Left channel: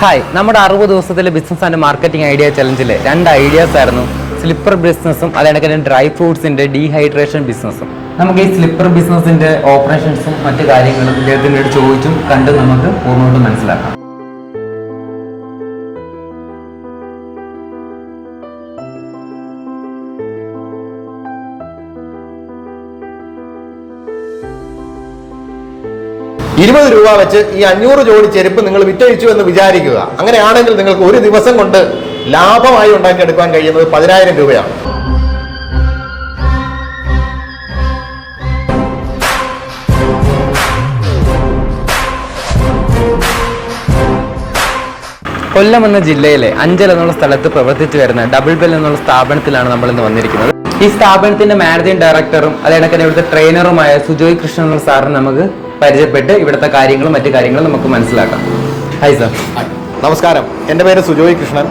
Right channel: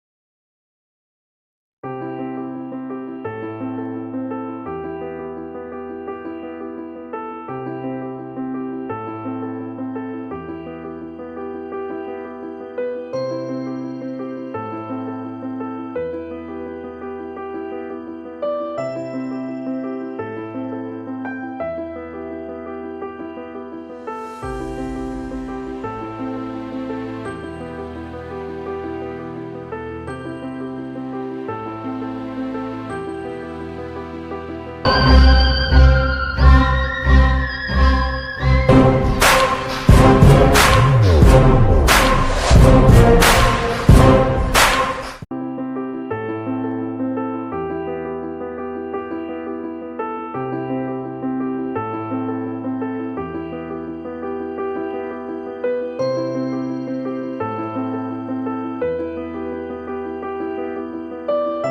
Hi, നമ്മുടെ 60 ദിവസത്തിലെ business and marketing idea ചലഞ്ചിലെ 2 ഐഡിയാസ് ആയിരുന്നു സ്ലിപ്പർ ബിസിനസ്സും അതേക്കന്നെ ഡ്രൈ ഫ്രൂട്ട്സിന്റെ ഡീഹൈഡ്രേഷൻ ബിസിനസ്സും. നമുക്ക് ഈ സ്ലിപ്പർ ബിസിനസിന്റെ ഓപ്പറേഷൻസും മറ്റു കാര്യങ്ങളും ഇദ്ദേഹത്തിനോട് ചോദിച്ചും കണ്ടും നമുക്ക് പൂർണ്ണമായിട്ടും മനസ്സിലാക്കാം. ₹20 വെച്ച് ഈ 500 ജോഡി ചെരുപ്പ് നിങ്ങൾ വിറ്റഴിച്ചു എന്ന് വിചാരിക്കുക. അങ്ങനെയാണെങ്കിൽ നിങ്ങൾക്ക് ഒരു ദിവസം കൊണ്ട് ലാഭമായി ഉണ്ടാക്കിയെടുക്കാൻ കഴിയുന്നത് 10,000 രൂപയാണ്. കൊല്ലം എന്ന ജില്ലയിലെ അഞ്ചൽ എന്നുള്ള സ്ഥലത്ത് പ്രവർത്തിച്ചു വരുന്ന ഡബിൾ ബെൽ എന്നുള്ള സ്ഥാപനത്തിലാണ് നമ്മൾ ഇന്ന് വന്നിരിക്കുന്നത്. ഈ സ്ഥാപനത്തിന്റെ മാനേജിംഗ് ഡയറക്ടറും അതേക്കന്നെ ഇവിടുത്തെ ട്രെയിനറുമായ സുജോയ് കൃഷ്ണൻ എന്നുള്ള സാറിന് നമുക്ക് പരിചയപ്പെട്ട് ഇവിടുത്തെ കാര്യങ്ങളും മറ്റു കാര്യങ്ങളും നമുക്ക് മനസ്സിലാക്കാം. Hi sir. നമസ്കാരം, എൻ്റെ പേര് സുജോയ് കൃഷ്ണൻ.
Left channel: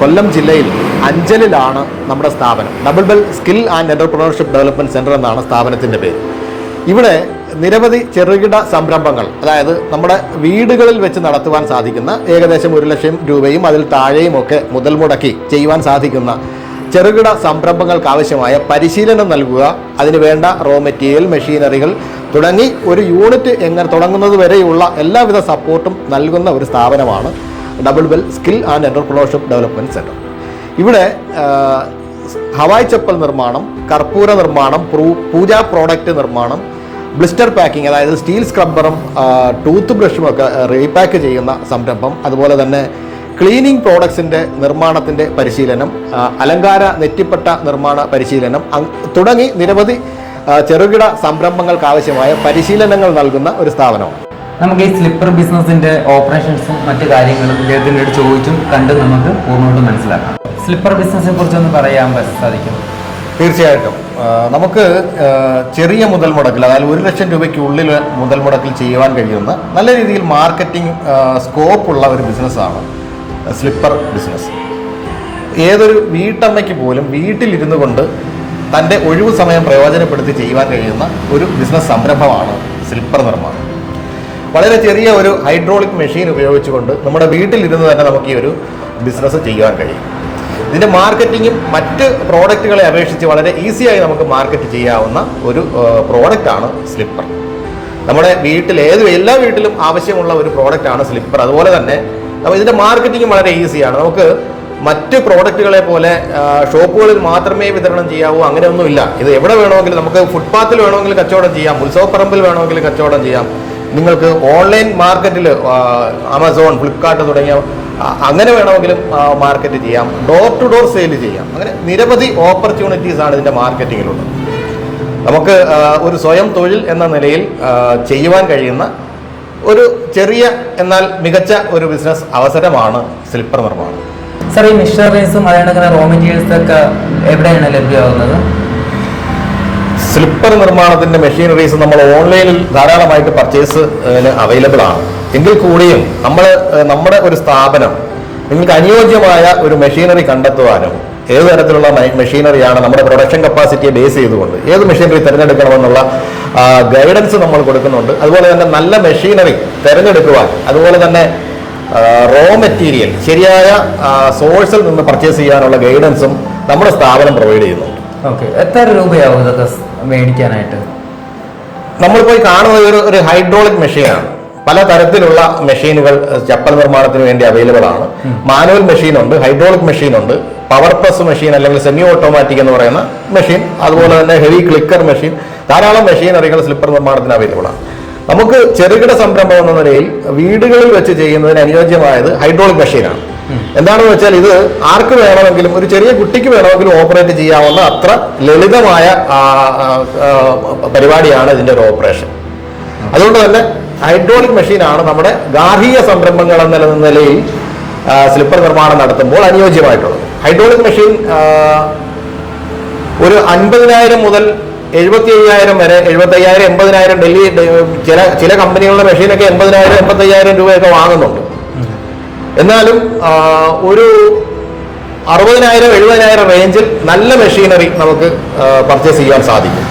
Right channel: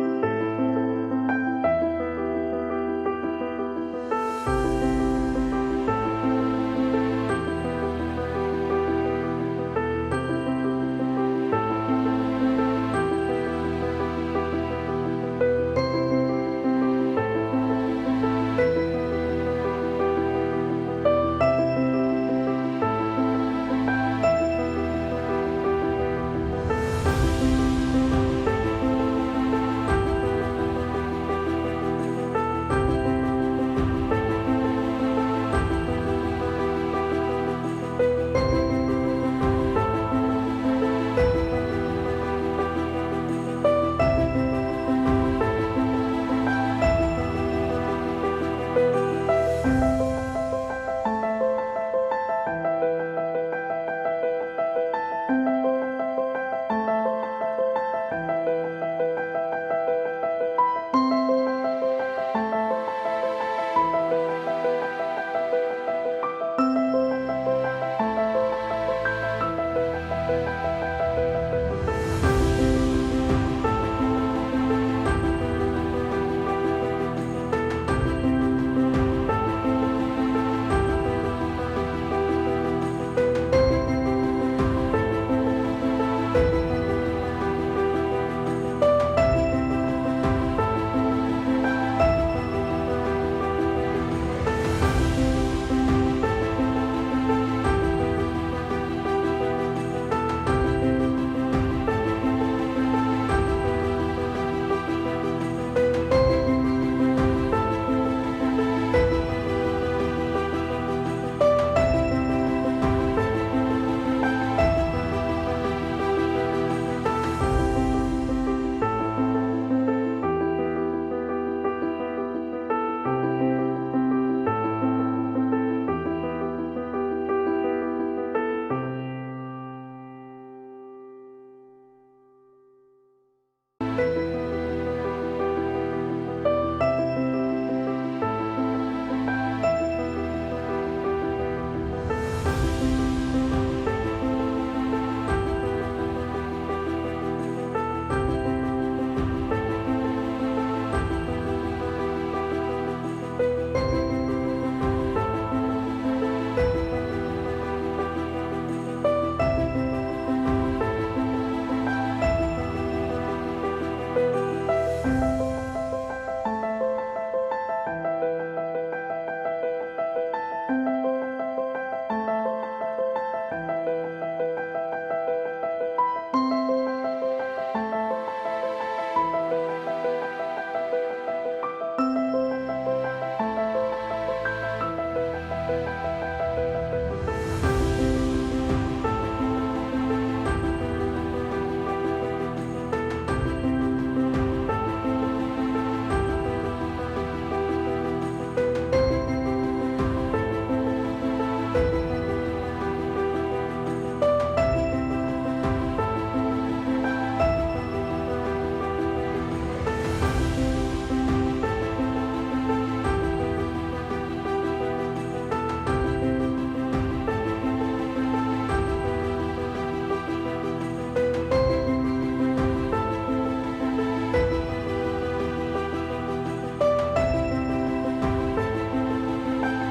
കൊല്ലം ജില്ലയിൽ അഞ്ചലിലാണ് നമ്മുടെ സ്ഥാപനം. Double bell skill and entrepreneurship development centre എന്നാണ് സ്ഥാപനത്തിൻ്റെ പേര്. ഇവിടെ നിരവധി ചെറുകിട സംരംഭങ്ങൾ, അതായത് നമ്മുടെ വീടുകളിൽ വെച്ച് നടത്തുവാൻ സാധിക്കുന്ന ഏകദേശം 1 ലക്ഷം രൂപയും അതിൽ താഴെയും ഒക്കെ മുതൽ മുടക്കി ചെയ്യുവാൻ സാധിക്കുന്ന ചെറുകിട സംരംഭങ്ങൾക്ക് ആവശ്യമായ പരിശീലനം നൽകുക, അതിന് വേണ്ട റോ മെറ്റീരിയൽ, മെഷീനറികൾ തുടങ്ങി ഒരു യൂണിറ്റ് എങ്ങനെ തുടങ്ങുന്നത് വരെയുള്ള എല്ലാവിധ സപ്പോർട്ടും നൽകുന്ന ഒരു സ്ഥാപനമാണ് double bell skill and entrepreneurship development centre. ഇവിടെ ഹവായ് ചപ്പൽ നിർമ്മാണം, കർപ്പൂര നിർമ്മാണം, പൂജാ പ്രോഡക്റ്റ് നിർമ്മാണം, ബ്ലിസ്റ്റർ പാക്കിംഗ്, അതായത് സ്റ്റീൽ സ്ക്രബ്ബറും ടൂത്ത് ബ്രഷും ഒക്കെ റീപാക്ക് ചെയ്യുന്ന സംരംഭം, അതുപോലെ തന്നെ ക്ലീനിങ് പ്രോഡക്ട്സിൻ്റെ നിർമ്മാണത്തിൻ്റെ പരിശീലനം, അലങ്കാര നെറ്റിപ്പട്ട നിർമ്മാണ പരിശീലനം തുടങ്ങി നിരവധി ചെറുകിട സംരംഭങ്ങൾക്ക് ആവശ്യമായ പരിശീലനങ്ങൾ നൽകുന്ന ഒരു സ്ഥാപനമാണ്. നമുക്ക് ഈ സ്ലിപ്പർ ബിസിനസിന്റെ ഓപ്പറേഷൻസും മറ്റു കാര്യങ്ങളും ഇദ്ദേഹത്തിനോട് ചോദിച്ചും കണ്ടും നമുക്ക് പൂർണ്ണമായിട്ടും മനസ്സിലാക്കാം. സ്ലിപ്പർ ബിസിനസിനെ കുറിച്ചൊന്ന് പറയാൻ സാധിക്കും? തീർച്ചയായിട്ടും. നമുക്ക് ചെറിയ മുതൽ മുടക്കിൽ, അതായത് 1 ലക്ഷം രൂപയ്ക്കുള്ളിൽ മുതൽ മുടക്കിൽ ചെയ്യുവാൻ കഴിയുന്ന നല്ല രീതിയിൽ മാർക്കറ്റിംഗ് സ്കോപ്പുള്ള ഒരു ബിസിനസ്സാണ് സ്ലിപ്പർ ബിസിനസ്. ഏതൊരു വീട്ടമ്മയ്ക്ക് പോലും വീട്ടിലിരുന്നു കൊണ്ട് തൻ്റെ ഒഴിവു സമയം പ്രയോജനപ്പെടുത്തി ചെയ്യുവാൻ കഴിയുന്ന ഒരു ബിസിനസ് സംരംഭമാണ് സ്ലിപ്പർ നിർമ്മാണം. വളരെ ചെറിയ ഒരു ഹൈഡ്രോളിക് മെഷീൻ ഉപയോഗിച്ചുകൊണ്ട് നമ്മുടെ വീട്ടിലിരുന്ന് തന്നെ നമുക്ക് ഈ ഒരു ബിസിനസ് ചെയ്യുവാൻ കഴിയും. ഇതിൻ്റെ മാർക്കറ്റിങ്ങും മറ്റ് പ്രോഡക്റ്റുകളെ അപേക്ഷിച്ച് വളരെ ഈസിയായി നമുക്ക് മാർക്കറ്റ് ചെയ്യാവുന്ന ഒരു പ്രോഡക്റ്റാണ് സ്ലിപ്പർ. നമ്മുടെ വീട്ടിൽ എല്ലാ വീട്ടിലും ആവശ്യമുള്ള ഒരു പ്രോഡക്റ്റാണ് സ്ലിപ്പർ. അതുപോലെ തന്നെ ഇതിൻ്റെ മാർക്കറ്റിംഗ് വളരെ ഈസിയാണ്. നമുക്ക് മറ്റ് പ്രോഡക്റ്റുകളെ പോലെ ഷോപ്പുകളിൽ മാത്രമേ വിതരണം ചെയ്യാവൂ, അങ്ങനെയൊന്നുമില്ല. ഇത് എവിടെ വേണമെങ്കിലും, നമുക്ക് ഫുട്പാത്തിൽ വേണമെങ്കിൽ കച്ചവടം ചെയ്യാം, ഉത്സവപ്പറമ്പിൽ വേണമെങ്കിൽ കച്ചവടം ചെയ്യാം. നിങ്ങൾക്ക് ഓൺലൈൻ മാർക്കറ്റിൽ ആമസോൺ, ഫ്ലിപ്കാർട്ട് തുടങ്ങിയ അങ്ങനെ വേണമെങ്കിലും മാർക്കറ്റ് ചെയ്യാം, ഡോർ ടു ഡോർ സെയിൽ ചെയ്യാം. അങ്ങനെ നിരവധി ഓപ്പർച്യൂണിറ്റീസ് ആണ് ഇതിൻ്റെ മാർക്കറ്റിങ്ങിലുള്ളത്. നമുക്ക് ഒരു സ്വയം തൊഴിൽ എന്ന നിലയിൽ ചെയ്യുവാൻ കഴിയുന്ന ഒരു ചെറിയ എന്നാൽ മികച്ച ഒരു ബിസിനസ് അവസരമാണ് സ്ലിപ്പർ നിർമ്മാണം. സാർ, ഈ മെഷീനറീസും അതേക്കന്നെ റോ മെറ്റീരിയൽസ് ഒക്കെ എവിടെയാണ് ലഭ്യമാകുന്നത്? സ്ലിപ്പർ നിർമ്മാണത്തിന്റെ മെഷീനറീസ് നമ്മൾ ഓൺലൈനിൽ ധാരാളമായിട്ട് പർച്ചേസ് അവൈലബിൾ ആണ്. എങ്കിൽ കൂടിയും നമ്മുടെ ഒരു സ്ഥാപനം നിങ്ങൾക്ക് അനുയോജ്യമായ ഒരു മെഷീനറി കണ്ടെത്തുവാനും ഏത് തരത്തിലുള്ള മെഷീനറിയാണ് നമ്മുടെ പ്രൊഡക്ഷൻ കപ്പാസിറ്റിയെ ബേസ് ചെയ്തുകൊണ്ട് ഏത് മെഷീനറി തിരഞ്ഞെടുക്കണമെന്നുള്ള ഗൈഡൻസ് നമ്മൾ കൊടുക്കുന്നുണ്ട്. അതുപോലെ തന്നെ നല്ല മെഷീനറി തിരഞ്ഞെടുക്കുവാൻ, അതുപോലെ തന്നെ റോ മെറ്റീരിയൽ ശരിയായ സോഴ്സിൽ നിന്ന് പർച്ചേസ് ചെയ്യാനുള്ള ഗൈഡൻസും നമ്മുടെ സ്ഥാപനം പ്രൊവൈഡ് ചെയ്യുന്നുണ്ട്. ഓക്കെ, എത്ര രൂപയാവും ഇതൊക്കെ മേടിക്കാനായിട്ട്? നമ്മൾ പോയി കാണുന്നത് ഒരു ഹൈഡ്രോളിക് മെഷീനാണ്. പല തരത്തിലുള്ള മെഷീനുകൾ ചപ്പൽ നിർമ്മാണത്തിന് വേണ്ടി അവൈലബിൾ ആണ്. മാനുവൽ മെഷീൻ ഉണ്ട്, ഹൈഡ്രോളിക് മെഷീൻ ഉണ്ട്, പവർ പ്രസ് മെഷീൻ അല്ലെങ്കിൽ സെമി ഓട്ടോമാറ്റിക് എന്ന് പറയുന്ന മെഷീൻ, അതുപോലെ തന്നെ ഹെവി ക്ലിക്കർ മെഷീൻ, ധാരാളം മെഷീനറികൾ സ്ലിപ്പർ നിർമ്മാണത്തിന് അവൈലബിൾ ആണ്. നമുക്ക് ചെറുകിട സംരംഭം എന്ന നിലയിൽ വീടുകളിൽ വെച്ച് ചെയ്യുന്നതിന് അനുയോജ്യമായത് ഹൈഡ്രോളിക് മെഷീനാണ്. എന്താണെന്ന് വെച്ചാൽ ഇത് ആർക്ക് വേണമെങ്കിലും, ഒരു ചെറിയ കുട്ടിക്ക് വേണമെങ്കിലും ഓപ്പറേറ്റ് ചെയ്യാവുന്ന അത്ര ലളിതമായ പരിപാടിയാണ് ഇതിൻ്റെ ഒരു ഓപ്പറേഷൻ. അതുകൊണ്ട് തന്നെ ഹൈഡ്രോളിക് മെഷീനാണ് നമ്മുടെ ഗാർഹിക സംരംഭങ്ങൾ എന്ന നിലയിൽ സ്ലിപ്പർ നിർമ്മാണം നടത്തുമ്പോൾ അനുയോജ്യമായിട്ടുള്ളത്. ഹൈഡ്രോളിക് മെഷീൻ ഒരു 50,000 മുതൽ 75,000 വരെ, 75,000, 80,000 ഡൽഹി ചില കമ്പനികളുടെ മെഷീനൊക്കെ 80,000, 85,000 രൂപയൊക്കെ വാങ്ങുന്നുണ്ട്. എന്നാലും ഒരു 60,000, 70,000 റേഞ്ചിൽ നല്ല മെഷീനറി നമുക്ക് പർച്ചേസ് ചെയ്യാൻ സാധിക്കും.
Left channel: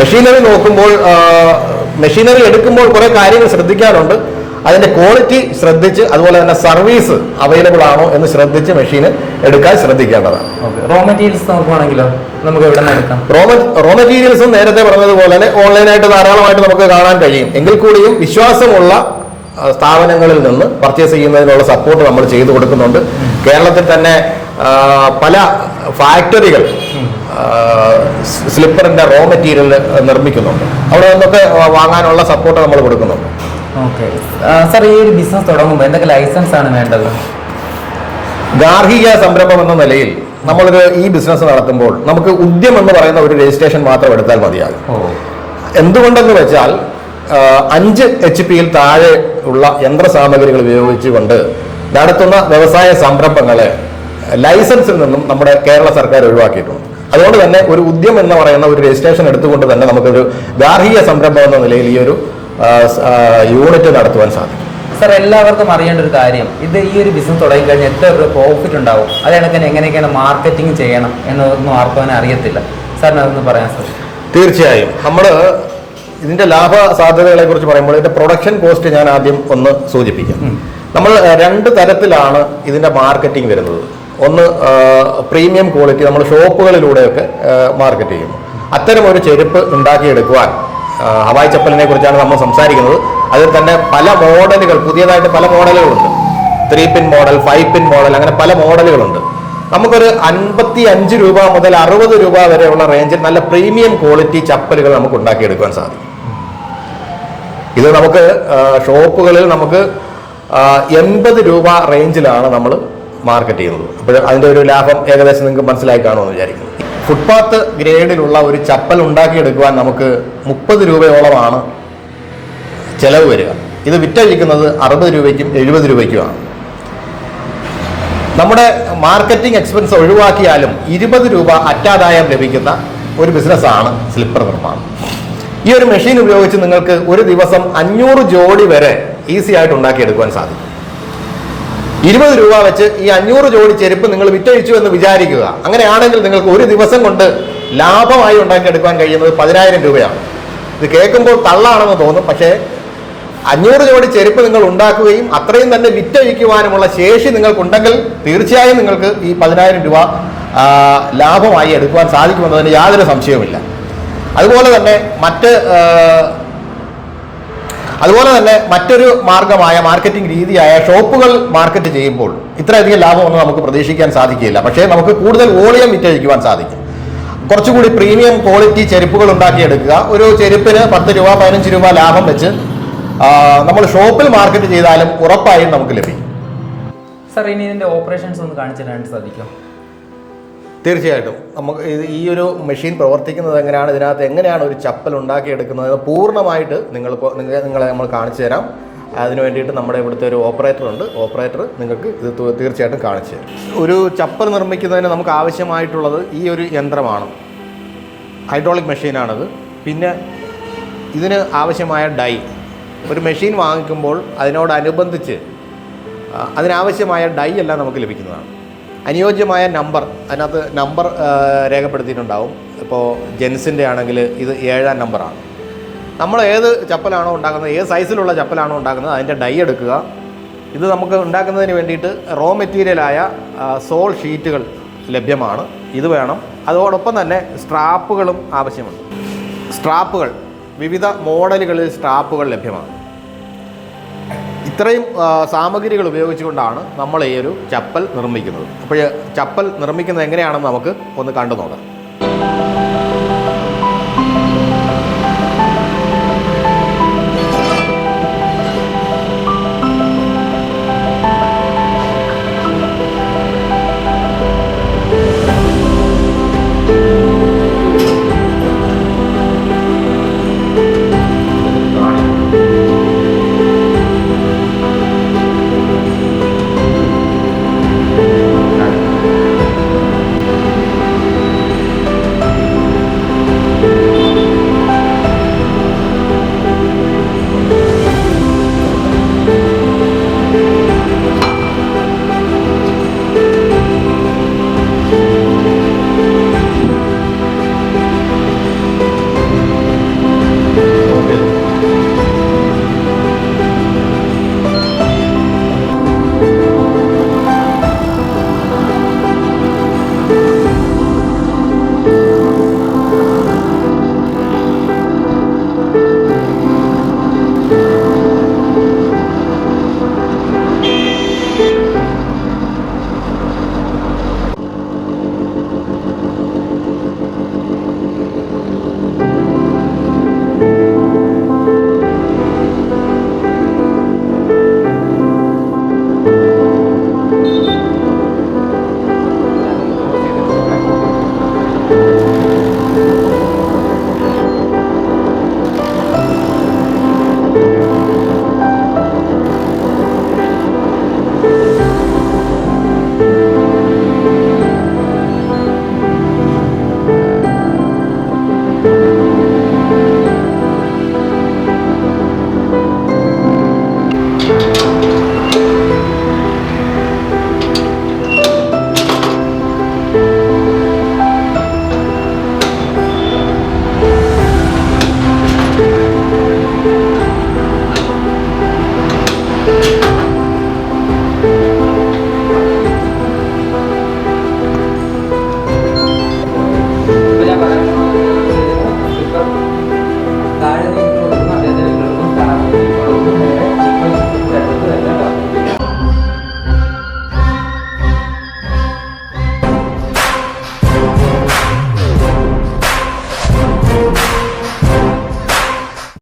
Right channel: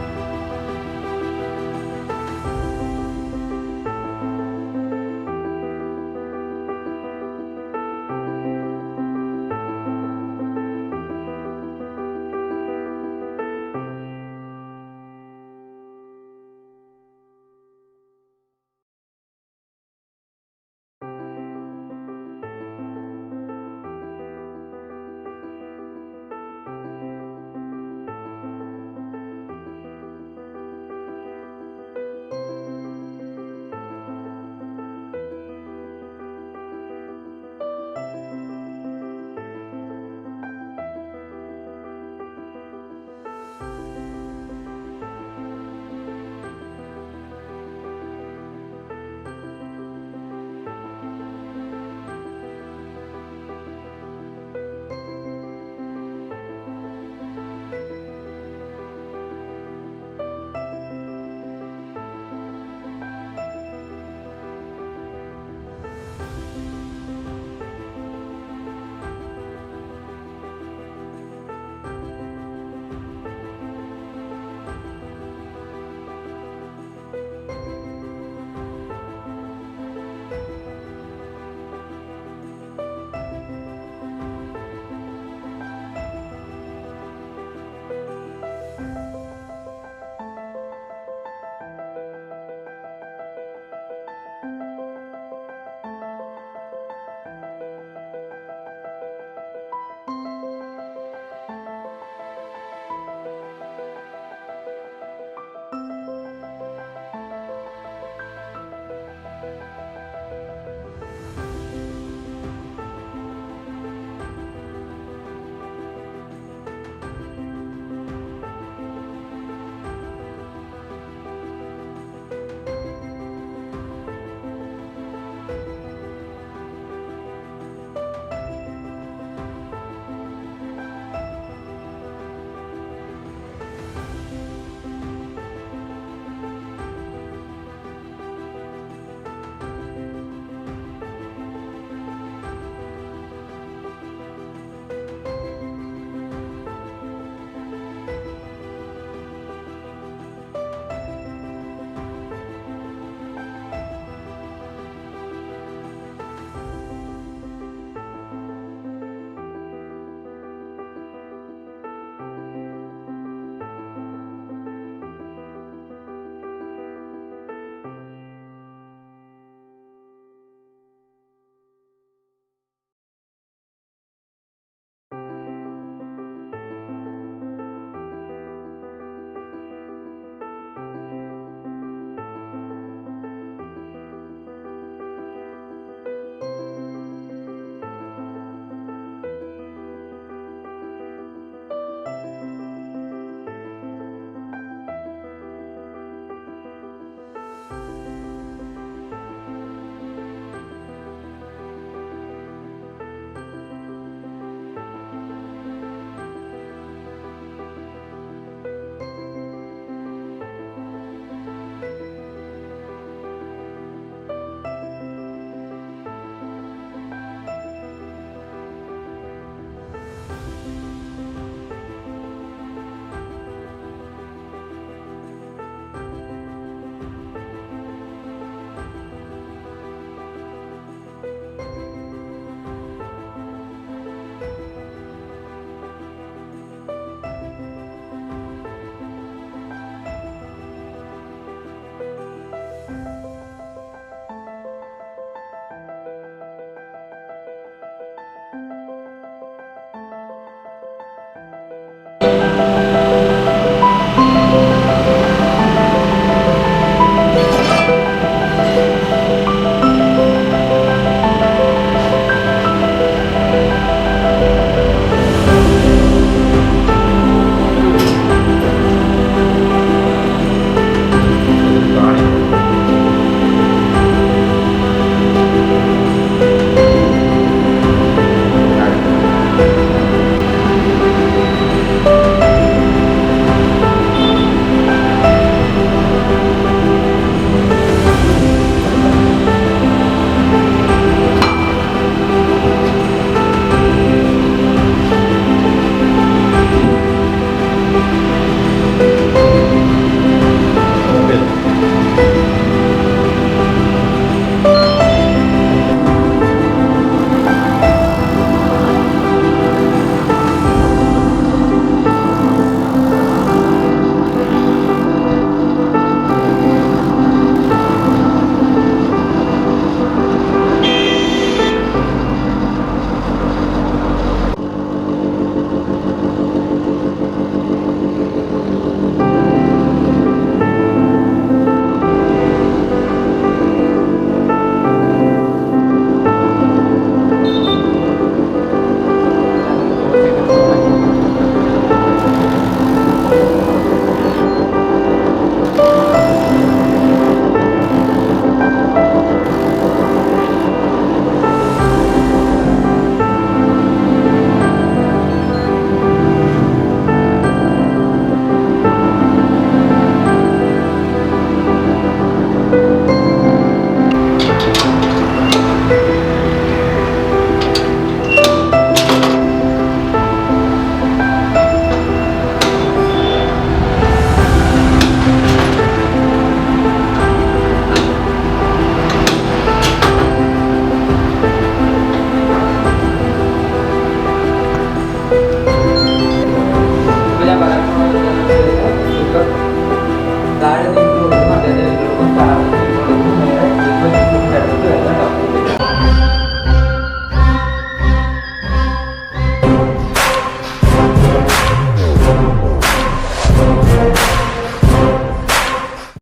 മെഷീനറി നോക്കുമ്പോൾ, മെഷീനറി എടുക്കുമ്പോൾ കുറെ കാര്യങ്ങൾ ശ്രദ്ധിക്കാനുണ്ട്. അതിന്റെ ക്വാളിറ്റി ശ്രദ്ധിച്ച് അതുപോലെ തന്നെ സർവീസ് അവൈലബിൾ ആണോ എന്ന് ശ്രദ്ധിച്ച് മെഷീന് എടുക്കാൻ ശ്രദ്ധിക്കേണ്ടതാണ്. റോ മെറ്റീരിയൽസ് നോക്കുവാണെങ്കിലോ നമുക്ക് എവിടെ നിന്ന് എടുക്കാം? റോ മെറ്റീരിയൽസും നേരത്തെ പറഞ്ഞതുപോലെ തന്നെ ഓൺലൈനായിട്ട് ധാരാളമായിട്ട് നമുക്ക് കാണാൻ കഴിയും. എങ്കിൽ കൂടിയും വിശ്വാസമുള്ള സ്ഥാപനങ്ങളിൽ നിന്ന് പർച്ചേസ് ചെയ്യുന്നതിനുള്ള സപ്പോർട്ട് നമ്മൾ ചെയ്തു കൊടുക്കുന്നുണ്ട്. കേരളത്തിൽ തന്നെ പല ഫാക്ടറികൾ സ്ലിപ്പറിന്റെ റോ മെറ്റീരിയൽ നിർമ്മിക്കുന്നുണ്ട്. അവിടെ നിന്നൊക്കെ വാങ്ങാനുള്ള സപ്പോർട്ട് നമ്മൾ കൊടുക്കുന്നുണ്ട്. ഓക്കെ സാർ, ഈ ഒരു ബിസിനസ് തുടങ്ങുമ്പോൾ എന്തൊക്കെ ലൈസൻസ് ആണ് വേണ്ടത്? ഗാർഹിക സംരംഭം എന്ന നിലയിൽ ഈ ബിസിനസ് നടത്തുമ്പോൾ നമുക്ക് ഉദ്യം എന്ന് പറയുന്ന ഒരു രജിസ്ട്രേഷൻ മാത്രം എടുത്താൽ മതിയാകും. എന്തുകൊണ്ടെന്ന് വെച്ചാൽ 5 HP താഴെ ഉള്ള യന്ത്ര സാമഗ്രികൾ ഉപയോഗിച്ചുകൊണ്ട് നടത്തുന്ന വ്യവസായ സംരംഭങ്ങളെ ലൈസൻസിൽ നിന്നും നമ്മുടെ കേരള സർക്കാർ ഒഴിവാക്കിയിട്ടുണ്ട്. അതുകൊണ്ട് തന്നെ ഒരു ഉദ്യം എന്ന് പറയുന്ന ഒരു രജിസ്ട്രേഷൻ എടുത്തുകൊണ്ട് തന്നെ നമുക്കൊരു ഗാർഹിക സംരംഭം എന്ന നിലയിൽ ഈ ഒരു യൂണിറ്റ് നടത്തുവാൻ സാധിക്കും. സാർ, എല്ലാവർക്കും അറിയേണ്ട ഒരു കാര്യം, ഈ ഒരു ബിസിനസ് തുടങ്ങി കഴിഞ്ഞാൽ എത്ര പ്രോഫിറ്റ് ഉണ്ടാവും, അത് കണക്കിന് എങ്ങനെയൊക്കെയാണ് മാർക്കറ്റിംഗ് ചെയ്യണം എന്നൊന്നും ആർക്കും അങ്ങനെ അറിയത്തില്ല. സാറിന് അതൊന്ന് പറയാൻ സാധിക്കും? തീർച്ചയായും. നമ്മൾ ഇതിന്റെ ലാഭ സാധ്യതകളെ കുറിച്ച് പറയുമ്പോൾ ഇതിന്റെ പ്രൊഡക്ഷൻ കോസ്റ്റ് ഞാൻ ആദ്യം ഒന്ന് സൂചിപ്പിക്കാം. നമ്മൾ 2 തരത്തിലാണ് ഇതിന്റെ മാർക്കറ്റിംഗ് വരുന്നത്. ഒന്ന് പ്രീമിയം ക്വാളിറ്റി നമ്മൾ ഷോപ്പുകളിലൂടെയൊക്കെ മാർക്കറ്റ് ചെയ്യുന്നു. അത്തരം ഒരു ചെരുപ്പ് ഉണ്ടാക്കിയെടുക്കുവാൻ ഹവായ് ചപ്പലിനെ കുറിച്ചാണ് നമ്മൾ സംസാരിക്കുന്നത്. അതിൽ തന്നെ പല മോഡലുകൾ, പുതിയതായിട്ട് പല മോഡലുകളുണ്ട്. 3 പിൻ മോഡൽ, 5 പിൻ മോഡൽ, അങ്ങനെ പല മോഡലുകളുണ്ട്. നമുക്കൊരു 55 രൂപ മുതൽ 60 രൂപ വരെയുള്ള റേഞ്ചിൽ നല്ല പ്രീമിയം ക്വാളിറ്റി ചപ്പലുകൾ നമുക്ക് ഉണ്ടാക്കിയെടുക്കാൻ സാധിക്കും. ഇത് നമുക്ക് ഷോപ്പുകളിൽ നമുക്ക് 80 രൂപ റേഞ്ചിലാണ് നമ്മൾ മാർക്കറ്റ് ചെയ്യുന്നത്. അപ്പോൾ അതിൻ്റെ ഒരു ലാഭം ഏകദേശം നിങ്ങൾക്ക് മനസ്സിലായി കാണുമെന്ന് വിചാരിക്കുന്നു. ഫുട്പാത്ത് ഗ്രേഡിലുള്ള ഒരു ചപ്പൽ ഉണ്ടാക്കിയെടുക്കുവാൻ നമുക്ക് 30 രൂപയോളമാണ് ചിലവ് വരിക. ഇത് വിറ്റഴിക്കുന്നത് 60 രൂപയ്ക്കും 70 രൂപയ്ക്കുമാണ്. നമ്മുടെ മാർക്കറ്റിംഗ് എക്സ്പെൻസ് ഒഴിവാക്കിയാലും 20 രൂപ അറ്റാദായം ലഭിക്കുന്ന ഒരു ബിസിനസ്സാണ് സ്ലിപ്പർ നിർമ്മാണം. ഈ ഒരു മെഷീൻ ഉപയോഗിച്ച് നിങ്ങൾക്ക് ഒരു ദിവസം 500 ജോഡി വരെ ഈസി ആയിട്ട് ഉണ്ടാക്കിയെടുക്കുവാൻ സാധിക്കും. 20 രൂപ വെച്ച് ഈ 500 ജോഡി ചെരുപ്പ് നിങ്ങൾ വിറ്റഴിച്ചു എന്ന് വിചാരിക്കുക. അങ്ങനെയാണെങ്കിൽ നിങ്ങൾക്ക് ഒരു ദിവസം കൊണ്ട് ലാഭമായി ഉണ്ടാക്കിയെടുക്കാൻ കഴിയുന്നത് 10,000 രൂപയാണ്. ഇത് കേൾക്കുമ്പോൾ തള്ളാണെന്ന് തോന്നും, പക്ഷേ 500 ജോഡി ചെരുപ്പ് നിങ്ങൾ ഉണ്ടാക്കുകയും അത്രയും തന്നെ വിറ്റഴിക്കുവാനുമുള്ള ശേഷി നിങ്ങൾക്കുണ്ടെങ്കിൽ തീർച്ചയായും നിങ്ങൾക്ക് ഈ 10,000 രൂപ ലാഭമായി എടുക്കുവാൻ സാധിക്കുമെന്നതിന് യാതൊരു സംശയവുമില്ല. അതുപോലെ തന്നെ മറ്റൊരു മാർഗമായ മാർക്കറ്റിംഗ് രീതിയായ ഷോപ്പുകൾ മാർക്കറ്റ് ചെയ്യുമ്പോൾ ഇത്രയധികം ലാഭമൊന്നും നമുക്ക് പ്രതീക്ഷിക്കാൻ സാധിക്കില്ല. പക്ഷേ നമുക്ക് കൂടുതൽ വോളിയം വിറ്റഴിക്കുവാൻ സാധിക്കും. കുറച്ചുകൂടി പ്രീമിയം ക്വാളിറ്റി ചെരുപ്പുകൾ ഉണ്ടാക്കിയെടുക്കുക. ഒരു ചെരുപ്പിന് 10 രൂപ 15 രൂപ ലാഭം വെച്ച് നമ്മൾ ഷോപ്പിൽ മാർക്കറ്റ് ചെയ്താലും ഉറപ്പായും നമുക്ക് ലഭിക്കും. സാർ, ഇനി ഇതിന്റെ ഓപ്പറേഷൻസ് ഒന്ന് കാണിച്ചു തരാൻ സാധിക്കും? തീർച്ചയായിട്ടും. നമുക്ക് ഈ ഒരു മെഷീൻ പ്രവർത്തിക്കുന്നത് എങ്ങനെയാണ്, ഇതിനകത്ത് എങ്ങനെയാണ് ഒരു ചപ്പൽ ഉണ്ടാക്കിയെടുക്കുന്നത് പൂർണ്ണമായിട്ട് നിങ്ങളെ നമ്മൾ കാണിച്ചു തരാം. അതിന് വേണ്ടിയിട്ട് നമ്മുടെ ഇവിടുത്തെ ഒരു ഓപ്പറേറ്റർ ഉണ്ട്. ഓപ്പറേറ്റർ നിങ്ങൾക്ക് ഇത് തീർച്ചയായിട്ടും കാണിച്ചു തരും. ഒരു ചപ്പൽ നിർമ്മിക്കുന്നതിന് നമുക്ക് ആവശ്യമായിട്ടുള്ളത് ഈ ഒരു യന്ത്രമാണ്. ഹൈഡ്രോളിക് മെഷീനാണത്. പിന്നെ ഇതിന് ആവശ്യമായ ഡൈ, ഒരു മെഷീൻ വാങ്ങിക്കുമ്പോൾ അതിനോടനുബന്ധിച്ച് അതിനാവശ്യമായ ഡൈ എല്ലാം നമുക്ക് ലഭിക്കുന്നതാണ്. അനുയോജ്യമായ നമ്പർ, അതിനകത്ത് നമ്പർ രേഖപ്പെടുത്തിയിട്ടുണ്ടാവും. ഇപ്പോൾ ജെൻസിൻ്റെ ആണെങ്കിൽ ഇത് 7-ാം നമ്പറാണ്. നമ്മൾ ഏത് ചപ്പലാണോ ഉണ്ടാക്കുന്നത്, ഏത് സൈസിലുള്ള ചപ്പലാണോ ഉണ്ടാക്കുന്നത്, അതിൻ്റെ ഡൈ എടുക്കുക. ഇത് നമുക്ക് ഉണ്ടാക്കുന്നതിന് വേണ്ടിയിട്ട് റോ മെറ്റീരിയലായ സോൾ ഷീറ്റുകൾ ലഭ്യമാണ്. ഇത് വേണം. അതോടൊപ്പം തന്നെ സ്ട്രാപ്പുകളും ആവശ്യമുണ്ട്. സ്ട്രാപ്പുകൾ, വിവിധ മോഡലുകളിൽ സ്ട്രാപ്പുകൾ ലഭ്യമാണ്. ഇത്രയും സാമഗ്രികൾ ഉപയോഗിച്ചുകൊണ്ടാണ് നമ്മൾ ഈ ഒരു ചപ്പൽ നിർമ്മിക്കുന്നത്. അപ്പോൾ ചപ്പൽ നിർമ്മിക്കുന്നത് എങ്ങനെയാണെന്ന് നമുക്ക് ഒന്ന് കണ്ടു നോക്കാം. താഴെ നിന്ന് കൊടുക്കുന്നു അദ്ദേഹത്തിന്